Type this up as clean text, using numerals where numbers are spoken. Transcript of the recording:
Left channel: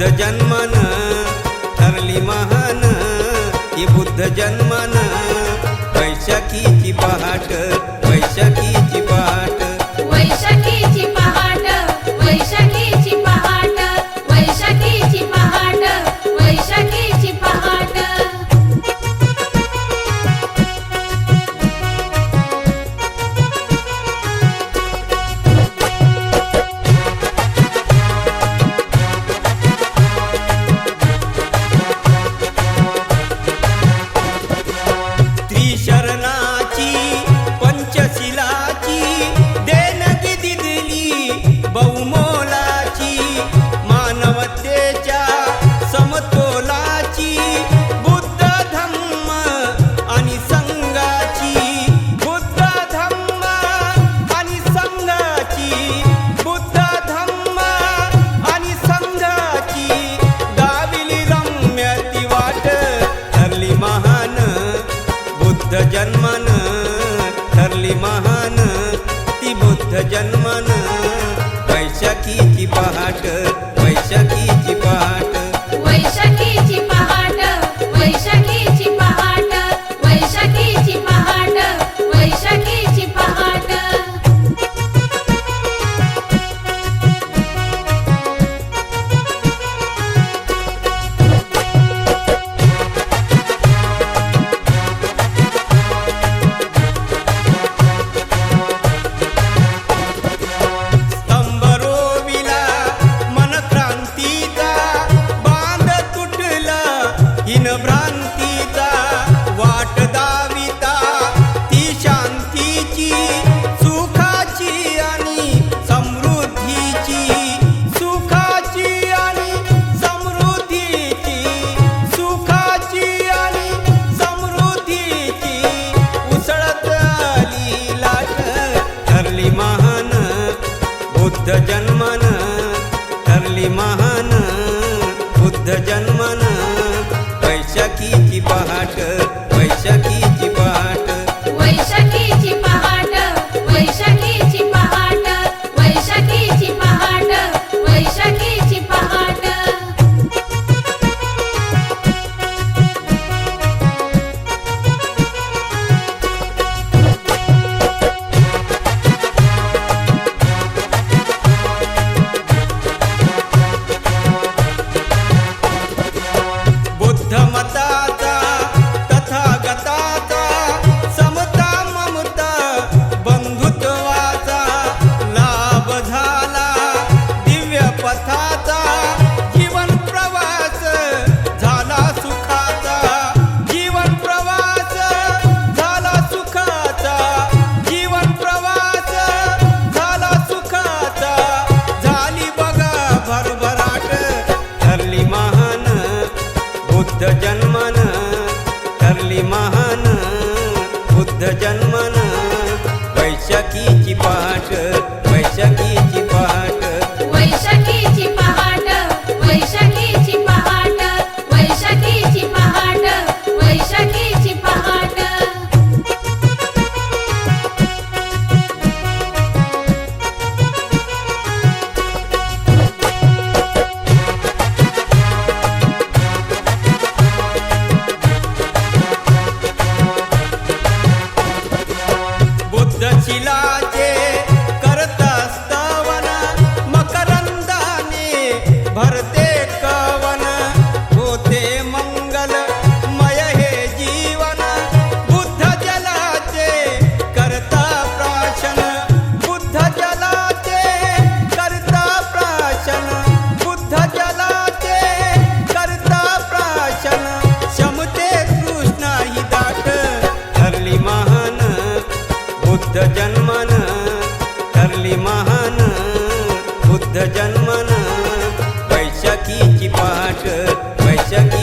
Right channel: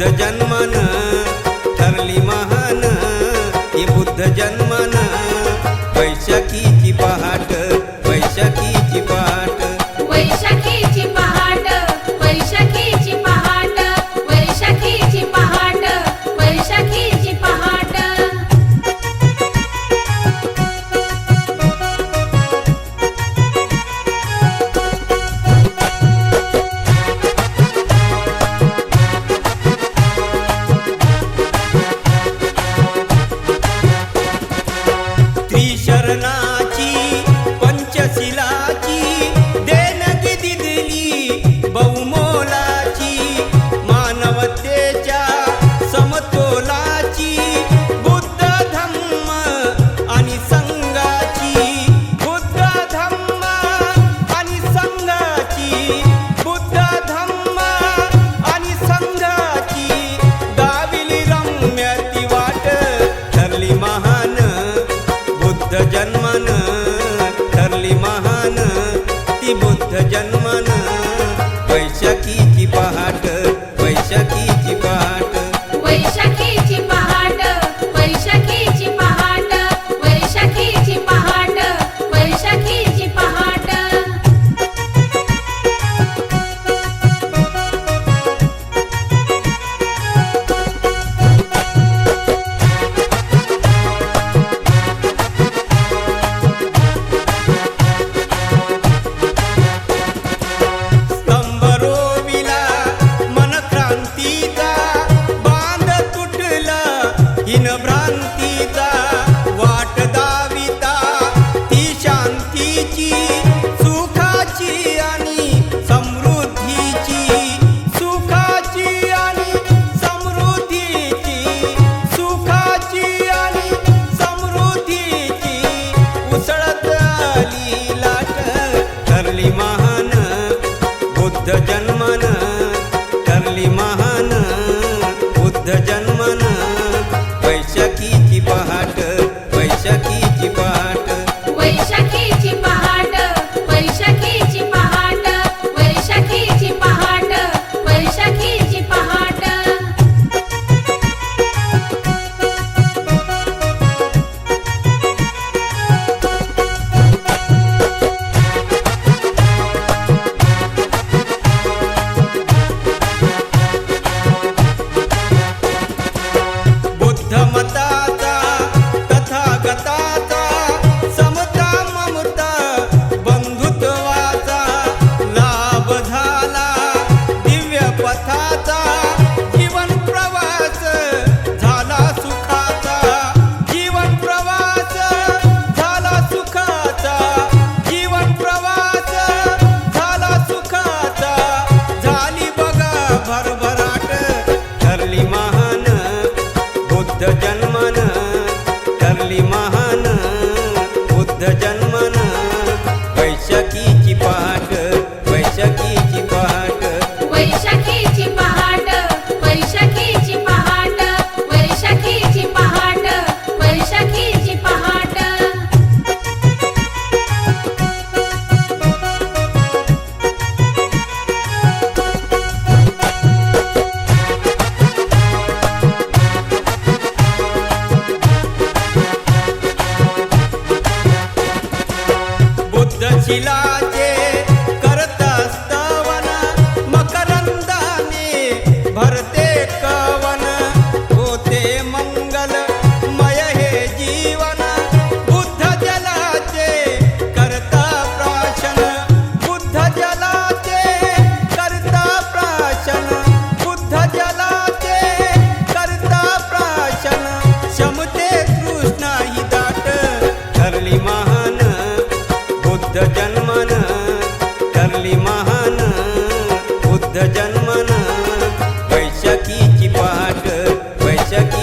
बुद्ध जन्मन ठरली महान, ही बुद्ध जन्मन वैशाखीची पहाट, वैशाखीची पहाट, वैशाखीची पहाट, वैशाखीची पहाट, वैशाखीची पहाट, वैशाखीची पहाट. त्रिशरणाची पंचशिलाची देणगी दिली बहुमोलाची, मानवतेच्या समतोलाची बुद्ध धम्म आणि संघाची, बुद्ध धम्म आणि संघाची, बुद्ध धम्म आणि संघाची गाविली रम्य ती वाट, ठरली महान बुद्ध जन्मन, ठरली महान ती बुद्ध जन्मन वैशाखीची पहाट, वैशाखीची पहाट, वैशाखीची पहाट, वैशाखीची पहाट, वैशाखीची पहाट, वैशाखीची पहाट. हीन भ्रांतीचा वाट दाविता ती शांतीची, सुखाची आणि समृद्धीची, सुखाची आणि समृद्धीची, सुखाची आणि समृद्धीची उसळत आली लाट, ठरली महान बुद्ध जन्मन, ठरली महान बुद्ध जन्मन वैशाखीची पहाट, वैशाखीची पहाट, वैशाखीची पहाट, वैशाखीची पहाट, वैशाखीची पहाट, वैशाखीची पहाट. बुद्ध मताचा तथागताचा समता ममता बंधुत्वाचा लाभ झाला, दिव्य पथाचा जीवन प्रवास झाला सुखाचा, जीवन प्रवास झाला सुखाचा, जीवन प्रवास झाला सुखाचा, झाली बघा भरभराट, ठरली महान बुद्ध जन्मन, ठरली महान बुद्ध जन्मन वैशाखीची पहाट, वैशाखीची पहाट, वैशाखीची पहाट, वैशाखीची पहाट, वैशाखीची पहाट, वैशाखीची पहाट. बुद्धशिलाचे करता स्तवन, मकरंदाने भरते कवन, होते मंगल मय हे जीवन, बुद्ध जलाचे करता प्राशन, बुद्ध जलाचे करता प्राशन, बुद्ध जलाचे करता प्राशन, शमते तृष्णा ही दाट, ठरली महान बुद्ध जन्मन, ठरली महान बुद्ध जन्मन वैशाखीची पहाट, वैशाखी